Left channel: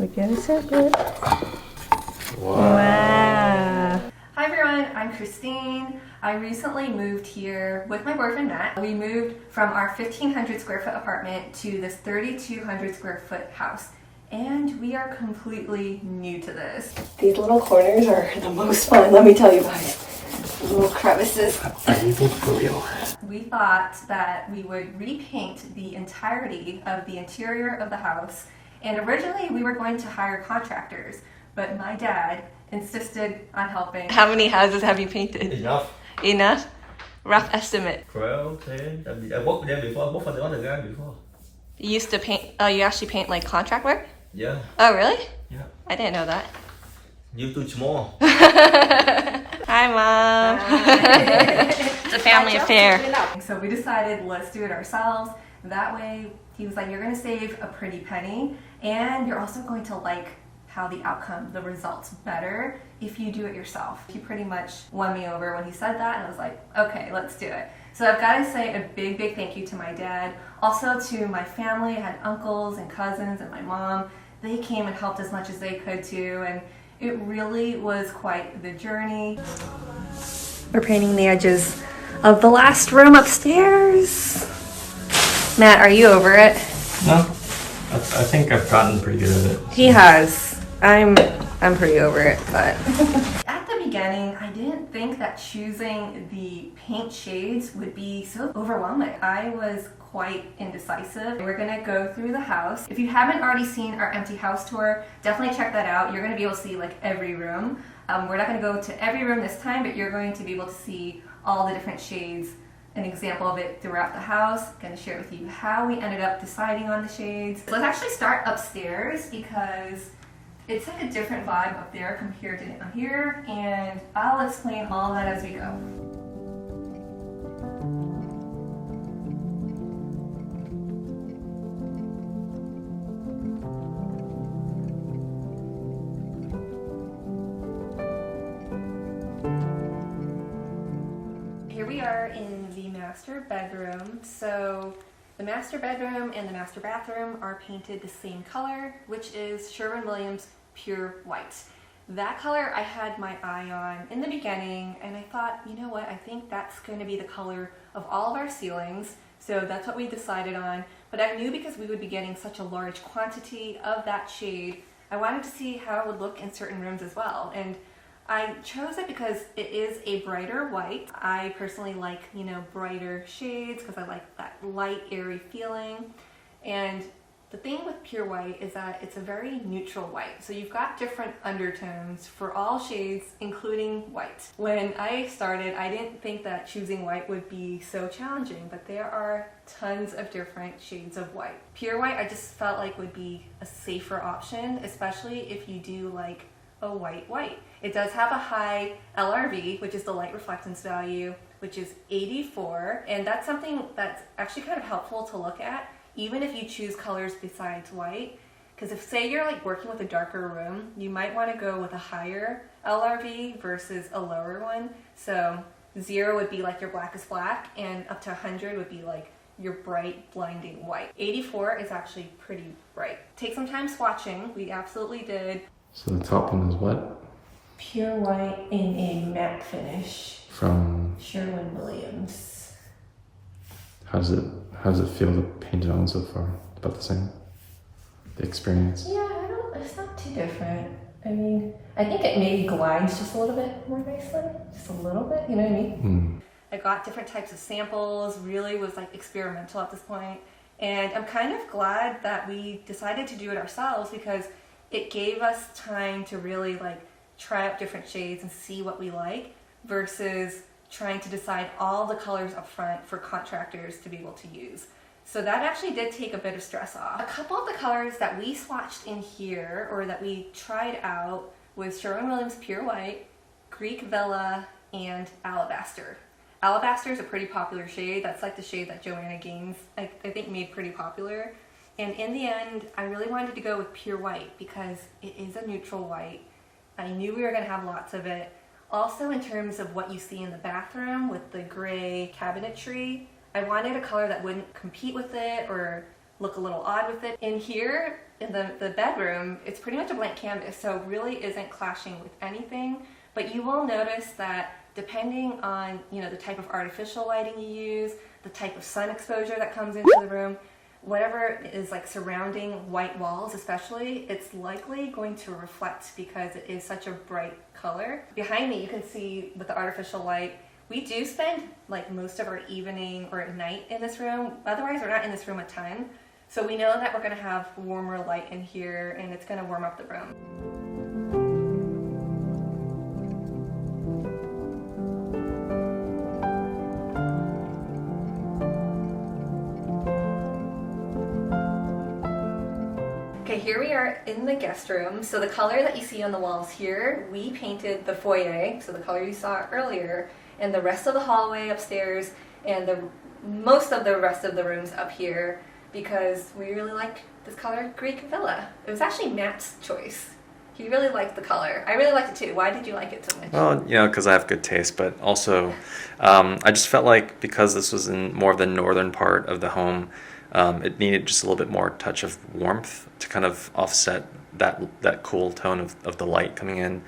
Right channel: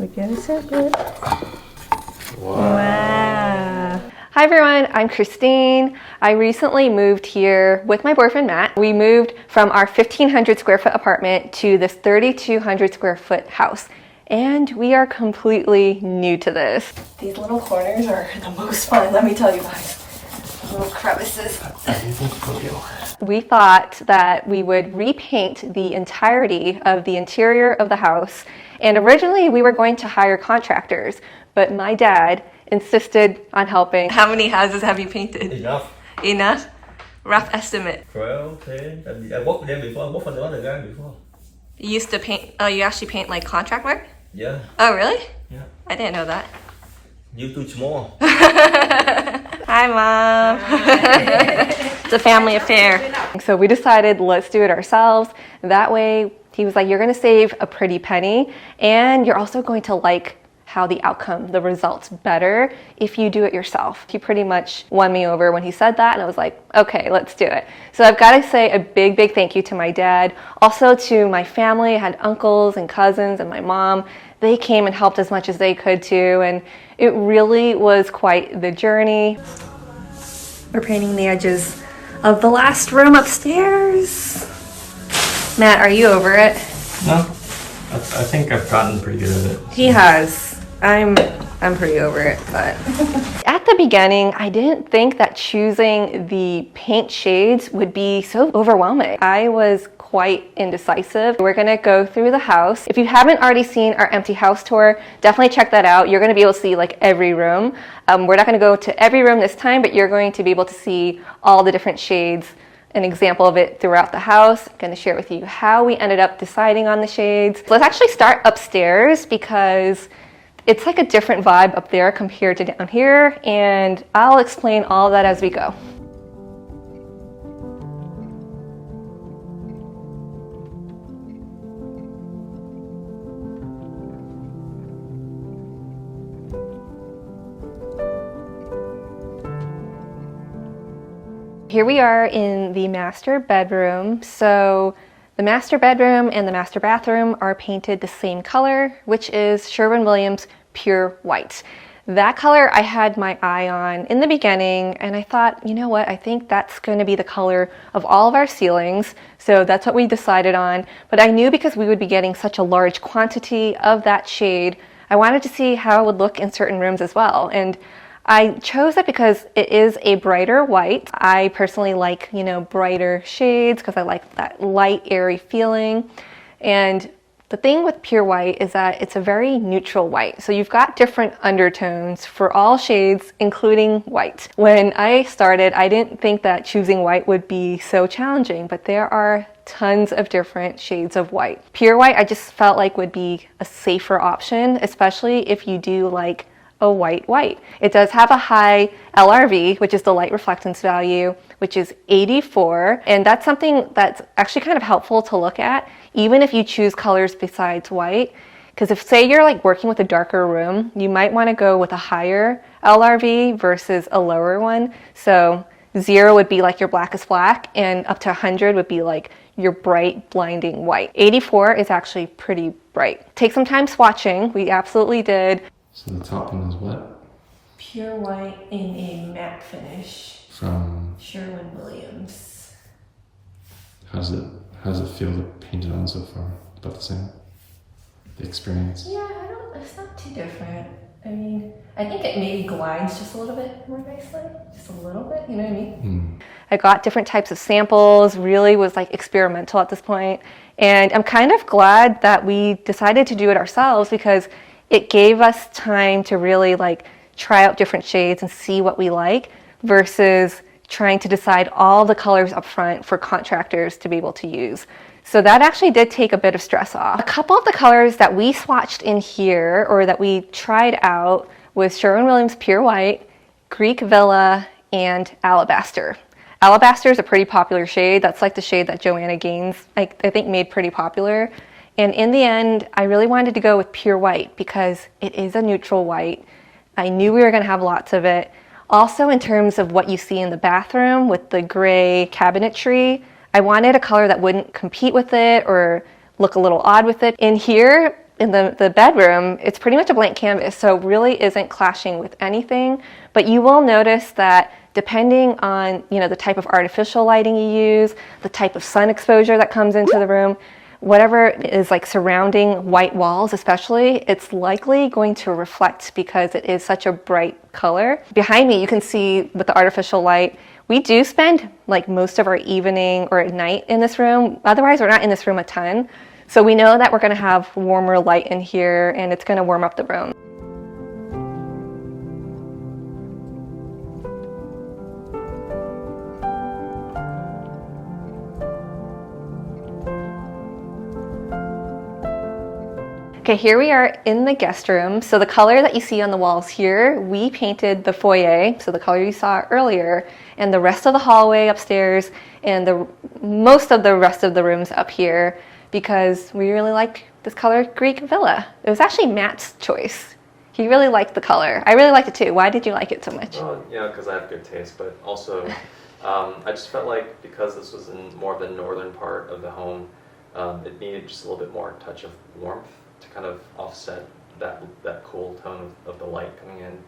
We're getting so good. Wow. Hi everyone, I'm Christine. I recently moved here with my boyfriend Matt. We moved from our 1,500 square foot apartment to this 3,200 square foot house. And we are completely new to this. These little corners are the most fun, let me tell you guys. Little crevices. We thought that we would repaint the entirety of the interior of the house. And originally we were going to hire contractors, but my dad insisted on helping. How many houses have you painted? Enough. Enough? Rough estimate. 12, 10. I worked with them before. I worked for the other guy before. You used to paint, you actually paint like contract work? Yeah. Oh, really? Yeah. I didn't know that. You too small. Hi, Mom. It's a family affair. So we decided let's do it ourselves. That way, he was like, you're going to save a pretty penny, and you're also going to like how the outcome, the results better if you do it yourself. He pretty much won me over when he said that, and I was like, okay, let's do it. So I've got to say a big, big thank you to my dad, also to my family. I had uncles and cousins and my mom. They came and helped as much as they could too, and it really was quite the journey. We're painting the edges of the last room upstairs. Matt, are you over it? No. I think I've gotten pretty good at it. He has. I'm pretty over it, but at the beginning, I didn't think that choosing the paint shades would be so overwhelming. I was quite indecisive. We're gonna go through the house. If you haven't already seen our empty house tour, definitely check that out. You're gonna be able to see like every room. We're not gonna go to every room this time, but you're going to be able to see all the different shades, an example of it throughout the house. I'm going to share with you how we ended up deciding on the shades. Let's actually start upstairs because it's like a different vibe up there compared to down here, and I'll explain all of that as we go. Here we are in the master bedroom. So the master bedroom and the master bathroom are painted the same color, which is Sherwin-Williams Pure White. That color I had my eye on in the beginning, and I thought, you know what, I think that's going to be the color of all of our ceilings. So that's what we decided on. But I knew because we would be getting such a large quantity of that shade, I wanted to see how it would look in certain rooms as well. And I chose it because it is a brighter white. I personally like, you know, brighter shades because I like that light, airy feeling. And the thing with pure white is that it's a very neutral white. So you've got different undertones for all shades, including white. When I started, I didn't think that choosing white would be so challenging, but there are tons of different shades of white. Pure white, I just felt like would be a safer option, especially if you do like a white. It does have a high LRV, which is the light reflectance value, which is 84. And that's something that's actually kind of helpful to look at, even if you choose colors besides white. Because if, say, you're like working with a darker room, you might want to go with a higher LRV versus a lower one. So 0 would be like your blackest black, and up to 100 would be like your bright, blinding white. 84 is actually pretty bright. Take some time swatching. We absolutely did. So the top one is what? Pure white in a matte finish. From Sherwin-Williams. How does it feel to paint it on so far? About the same? The experience? Yeah, it's not too different. I mean, I think it maybe glides just a little bit more nicely. Just a little bit, you know what I mean? I got different types of samples, really was like experimental at this point. And I'm kind of glad that we decided to do it ourselves because it gave us time to really like try out different shades and see what we like versus trying to decide all the colors up front for contractors to be able to use. So that actually did take a bit of stress off. A couple of the colors that we swatched in here or that we tried out was Sherwin-Williams Pure White, Greek Villa, and Alabaster. Alabaster is a pretty popular shade. That's like the shade that Joanna Gaines, I think, made pretty popular. And in the end, I really wanted to go with Pure White because it is a neutral white. I knew we were going to have lots of it. Also, in terms of what you see in the bathroom with the gray cabinetry, I wanted a color that wouldn't compete with it or look a little odd with it. In here, in the bedroom, it's pretty much a blank canvas, so it really isn't clashing with anything. But you will notice that depending on, the type of artificial lighting you use, the type of sun exposure that comes into the room, whatever is like surrounding white walls especially, it's likely going to reflect because it is such a bright color. Behind me, you can see with the artificial light, we do spend like most of our evening or at night in this room. Otherwise, we're not in this room a ton. So we know that we're gonna have warmer light in here and it's gonna warm up the room. Okay, here we are in the guest room. So the color that you see on the walls here, we painted the foyer, so the color you saw earlier, and the rest of the hallway upstairs, and most of the rest of the rooms up here, because we really like this color Greek Villa. It was actually Matt's choice. He really liked the color. I really liked it too. Why did you like it so much? Well, because I have good taste, but also I just felt like because this was in more of the northern part of the home, it needed just a little bit more touch of warmth to kind of offset that cool tone of the light coming in,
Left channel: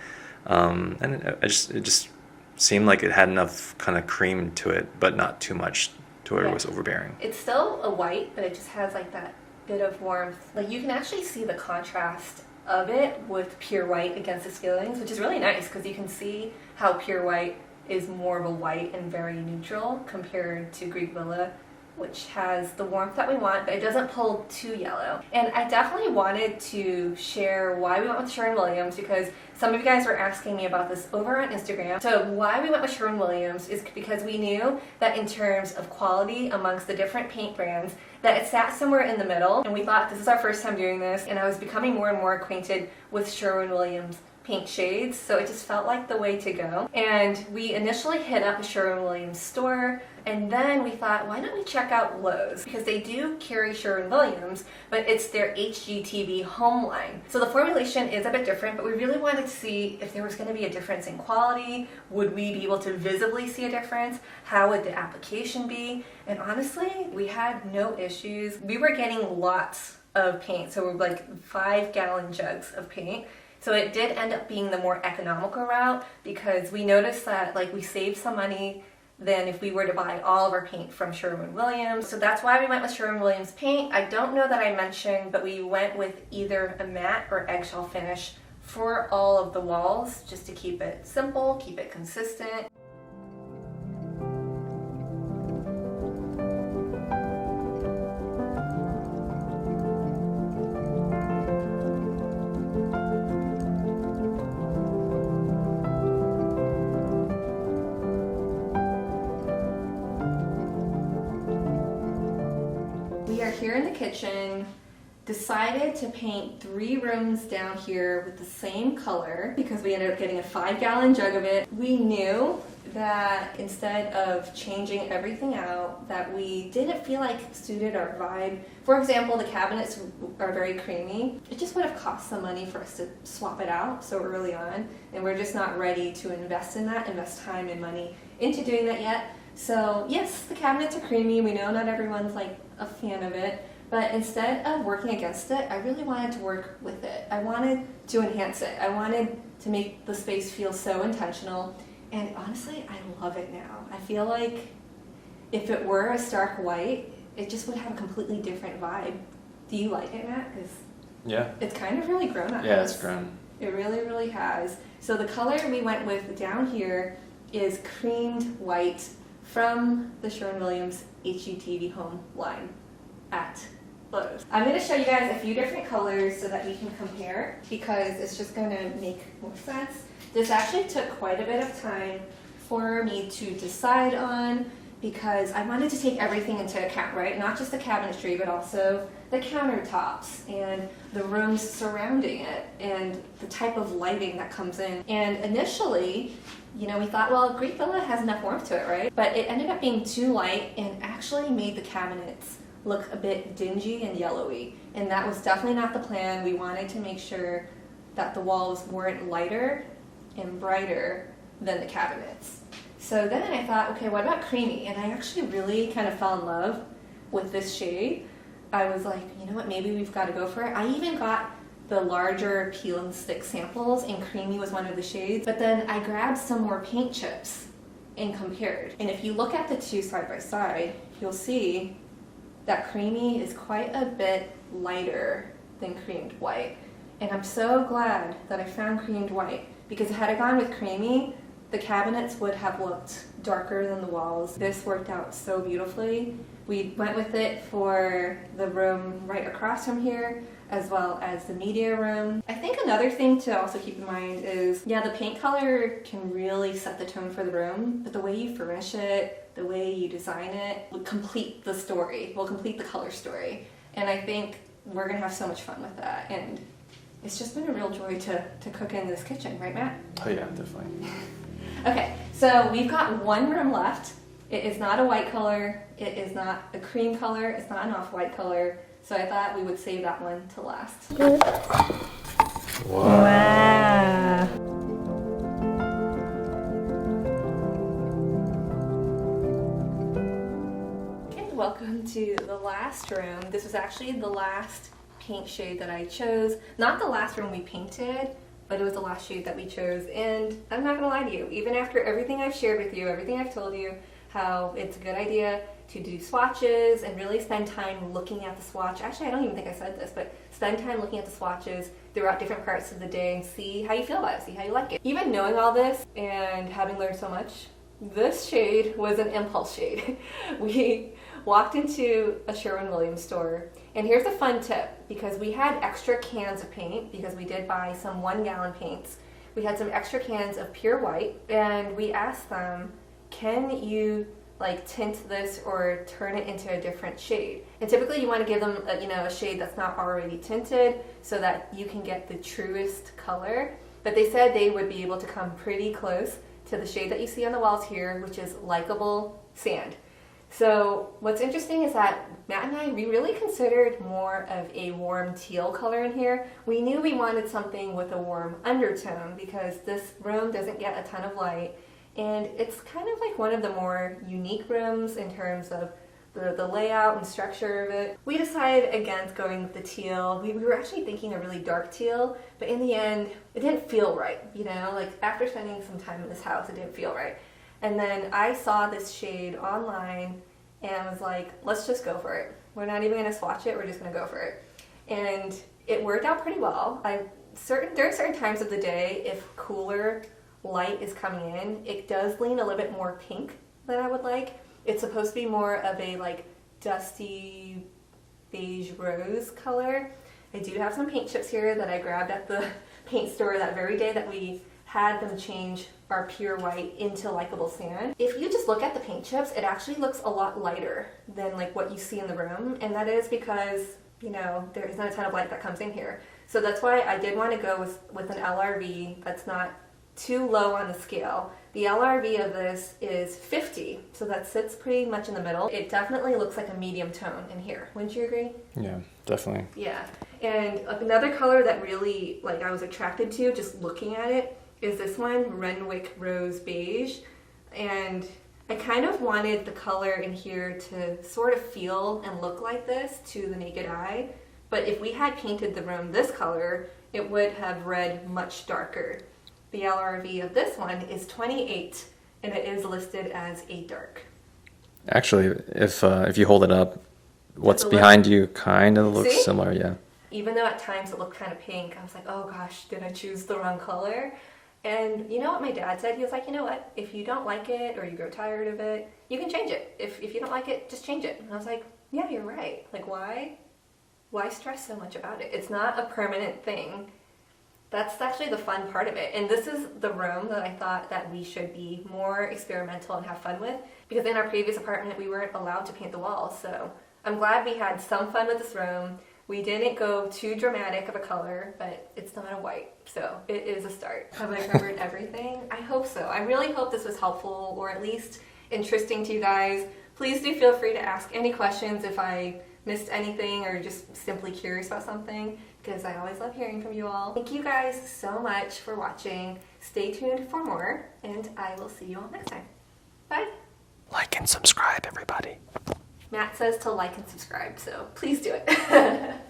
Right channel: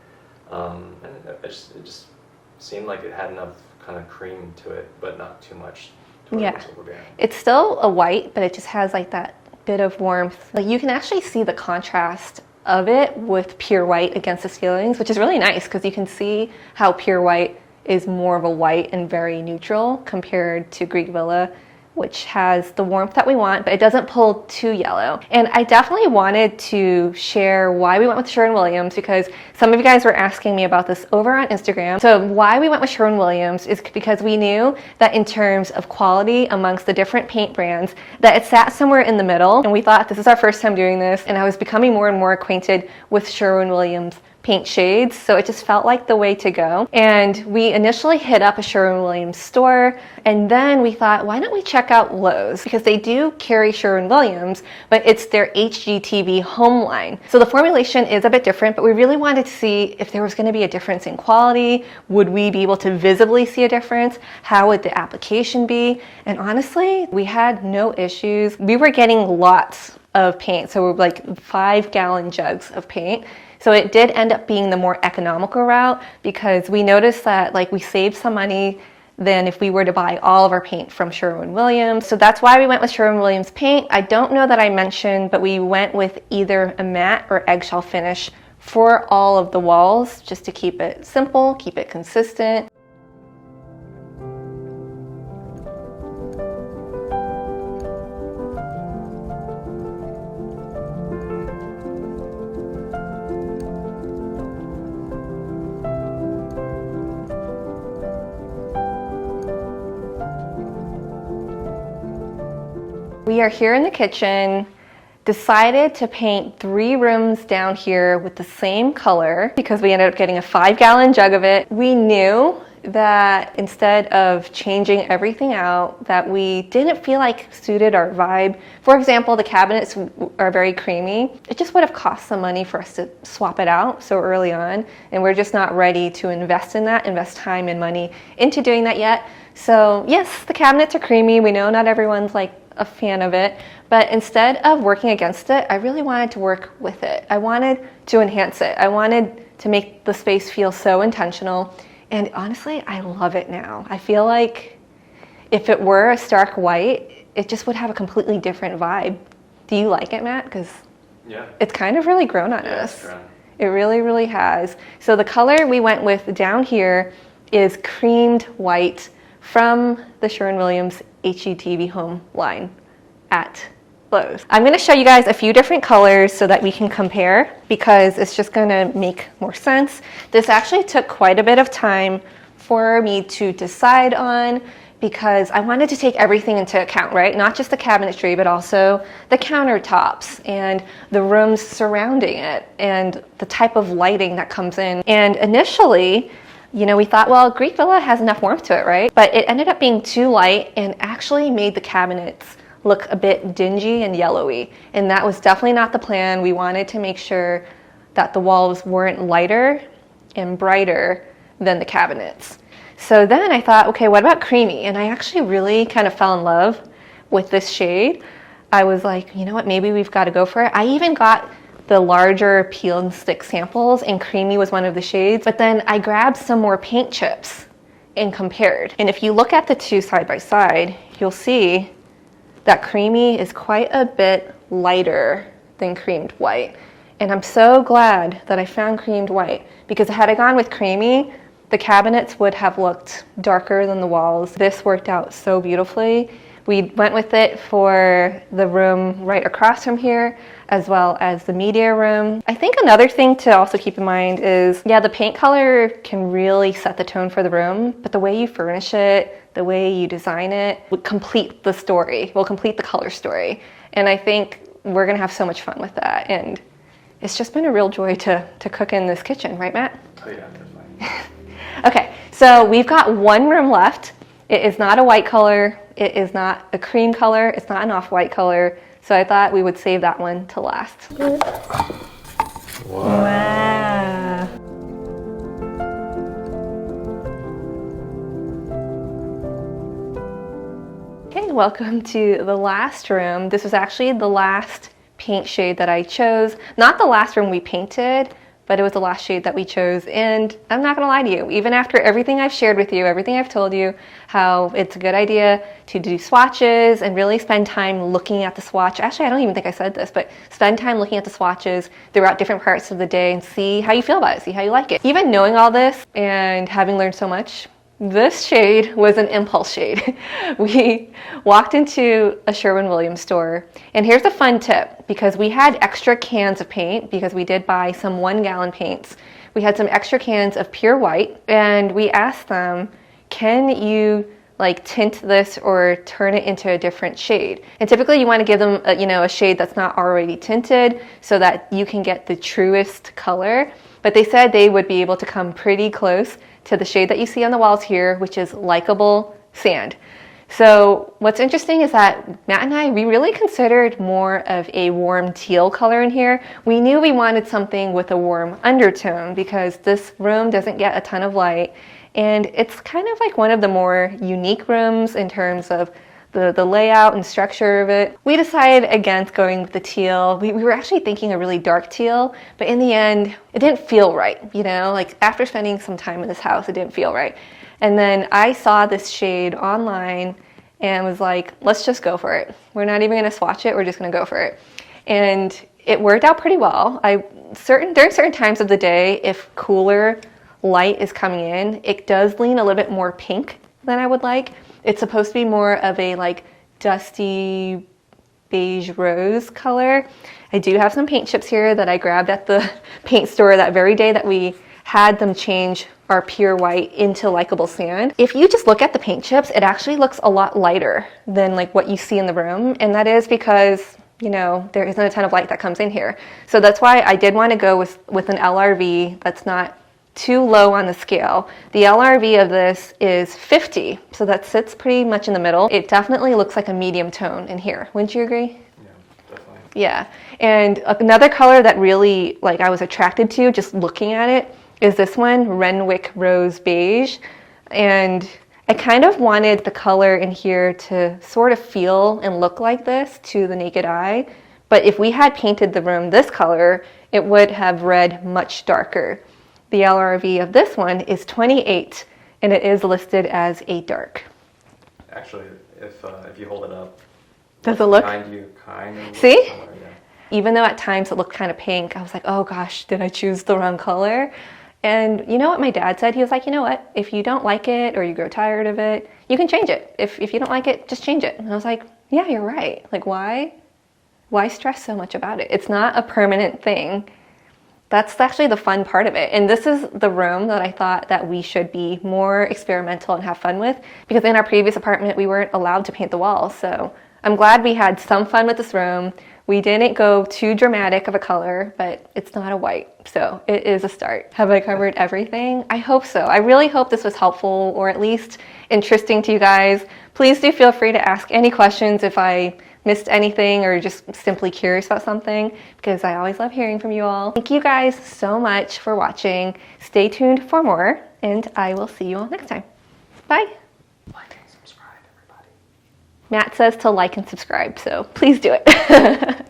and it just seemed like it had enough kind of cream to it, but not too much to where it was overbearing. It's still a white, but it just has like that bit of warmth. Like you can actually see the contrast of it with pure white against the ceilings, which is really nice because you can see how pure white is more of a white and very neutral compared to Greek Villa, which has the warmth that we want, but it doesn't pull too yellow. And I definitely wanted to share why we went with Sherwin-Williams because some of you guys were asking me about this over on Instagram. So why we went with Sherwin-Williams is because we knew that in terms of quality amongst the different paint brands, that it sat somewhere in the middle. And we thought this is our first time doing this, and I was becoming more and more acquainted with Sherwin-Williams paint shades, so it just felt like the way to go. And we initially hit up a Sherwin-Williams store, and then we thought, why don't we check out Lowe's? Because they do carry Sherwin-Williams, but it's their HGTV home line. So the formulation is a bit different, but we really wanted to see if there was going to be a difference in quality. Would we be able to visibly see a difference? How would the application be? And honestly, we had no issues. We were getting lots of paint, so we're like 5-gallon jugs of paint. So it did end up being the more economical route because we noticed that like we saved some money than if we were to buy all of our paint from Sherwin-Williams. So that's why we went with Sherwin-Williams paint. I don't know that I mentioned, but we went with either a matte or eggshell finish for all of the walls just to keep it simple, keep it consistent. We are here in the kitchen, decided to paint 3 rooms down here with the same color because we ended up getting a 5-gallon jug of it. We knew that instead of changing everything out, that we didn't feel like suited our vibe. For example, the cabinets are very creamy. It just would have cost some money for us to swap it out so early on, and we're just not ready to invest in that, invest time and money into doing that yet. So yes, the cabinets are creamy. We know not everyone's like a fan of it, but instead of working against it, I really wanted to work with it. I wanted to enhance it. I wanted to make the space feel so intentional, and honestly, I love it now. I feel like if it were a stark white, it just would have a completely different vibe. Do you like it, Matt? Because it's kind of really grown on us. It's grown. It really, really has. So the color we went with down here is creamed white from the Sherwin-Williams HGTV home line at Lowe's. I'm going to show you guys a few different colors so that we can compare because it's just going to make more sense. This actually took quite a bit of time for me to decide on because I wanted to take everything into account, right? Not just the cabinetry, but also the countertops and the rooms surrounding it and the type of lighting that comes in. And initially, we thought, well, Greek Villa has enough warmth to it, right? But it ended up being too light and actually made the cabinets look a bit dingy and yellowy. And that was definitely not the plan. We wanted to make sure that the walls weren't lighter and brighter than the cabinets. So then I thought, okay, what about creamy? And I actually really kind of fell in love with this shade. I was like, you know what, maybe we've got to go for it. I even got the larger peel and stick samples, and creamy was one of the shades, but then I grabbed some more paint chips and compared. And if you look at the two side by side, you'll see that creamy is quite a bit lighter than creamed white. And I'm so glad that I found creamed white, because had I gone with creamy, the cabinets would have looked darker than the walls. This worked out so beautifully. We went with it for the room right across from here, as well as the media room. I think another thing to also keep in mind is, yeah, the paint color can really set the tone for the room, but the way you furnish it, the way you design it, will complete the story, will complete the color story. And I think we're gonna have so much fun with that. And it's just been a real joy to cook in this kitchen, right, Matt? Oh yeah, definitely. Okay, so we've got one room left. It is not a white color. It is not a cream color. It's not an off-white color. So I thought we would save that one to last. Wow. Okay, welcome to the last room. This was actually the last paint shade that I chose. Not the last room we painted, but it was the last shade that we chose. And I'm not gonna lie to you, even after everything I've shared with you, everything I've told you, how it's a good idea to do swatches and really spend time looking at the swatch. Actually, I don't even think I said this, but spend time looking at the swatches throughout different parts of the day and see how you feel about it, see how you like it. Even knowing all this and having learned so much, this shade was an impulse shade. We walked into a Sherwin-Williams store, and here's a fun tip, because we had extra cans of paint, because we did buy some 1-gallon paints. We had some extra cans of pure white, and we asked them, can you like tint this or turn it into a different shade? And typically you want to give them a shade that's not already tinted so that you can get the truest color. But they said they would be able to come pretty close to the shade that you see on the walls here, which is likable sand. So what's interesting is that Matt and I, we really considered more of a warm teal color in here. We knew we wanted something with a warm undertone because this room doesn't get a ton of light, and it's kind of like one of the more unique rooms in terms of the layout and structure of it. We decided against going with the teal. We were actually thinking a really dark teal, but in the end, it didn't feel right, like after spending some time in this house, it didn't feel right. And then I saw this shade online and was like, let's just go for it. We're not even gonna swatch it, we're just gonna go for it. And it worked out pretty well. During certain times of the day, if cooler light is coming in, it does lean a little bit more pink than I would like. It's supposed to be more of a like dusty beige rose color. I do have some paint chips here that I grabbed at the paint store that very day that we had them change our pure white into likable sand. If you just look at the paint chips, it actually looks a lot lighter than like what you see in the room. And that is because, there isn't a ton of light that comes in here. So that's why I did want to go with an LRV that's not too low on the scale. The LRV of this is 50, so that sits pretty much in the middle. It definitely looks like a medium tone in here. Wouldn't you agree? Yeah, definitely. Yeah, and another color that really I was attracted to just looking at it is this one, Renwick Rose Beige. And I kind of wanted the color in here to sort of feel and look like this to the naked eye. But if we had painted the room this color, it would have read much darker. The LRV of this one is 28, and it is listed as a dark. Actually, if you hold it up, what's behind you kind of looks similar, yeah. Even though at times it looked kind of pink, I was like, oh gosh, did I choose the wrong color? And you know what my dad said? He was like, you know what? If you don't like it or you grow tired of it, you can change it. If you don't like it, just change it. And I was like, yeah, you're right. Like, why stress so much about it? It's not a permanent thing. That's actually the fun part of it. And this is the room that I thought that we should be more experimental and have fun with, because in our previous apartment, we weren't allowed to paint the walls. So I'm glad we had some fun with this room. We didn't go too dramatic of a color, but it's not a white. So it is a start. Have I covered everything? I hope so. I really hope this was helpful or at least interesting to you guys. Please do feel free to ask any questions if I missed anything or just simply curious about something, because I always love hearing from you all. Thank you guys so much for watching. Stay tuned for more, and I will see you all next time. Bye. Like and subscribe, everybody. Matt says to like and subscribe, so please do it.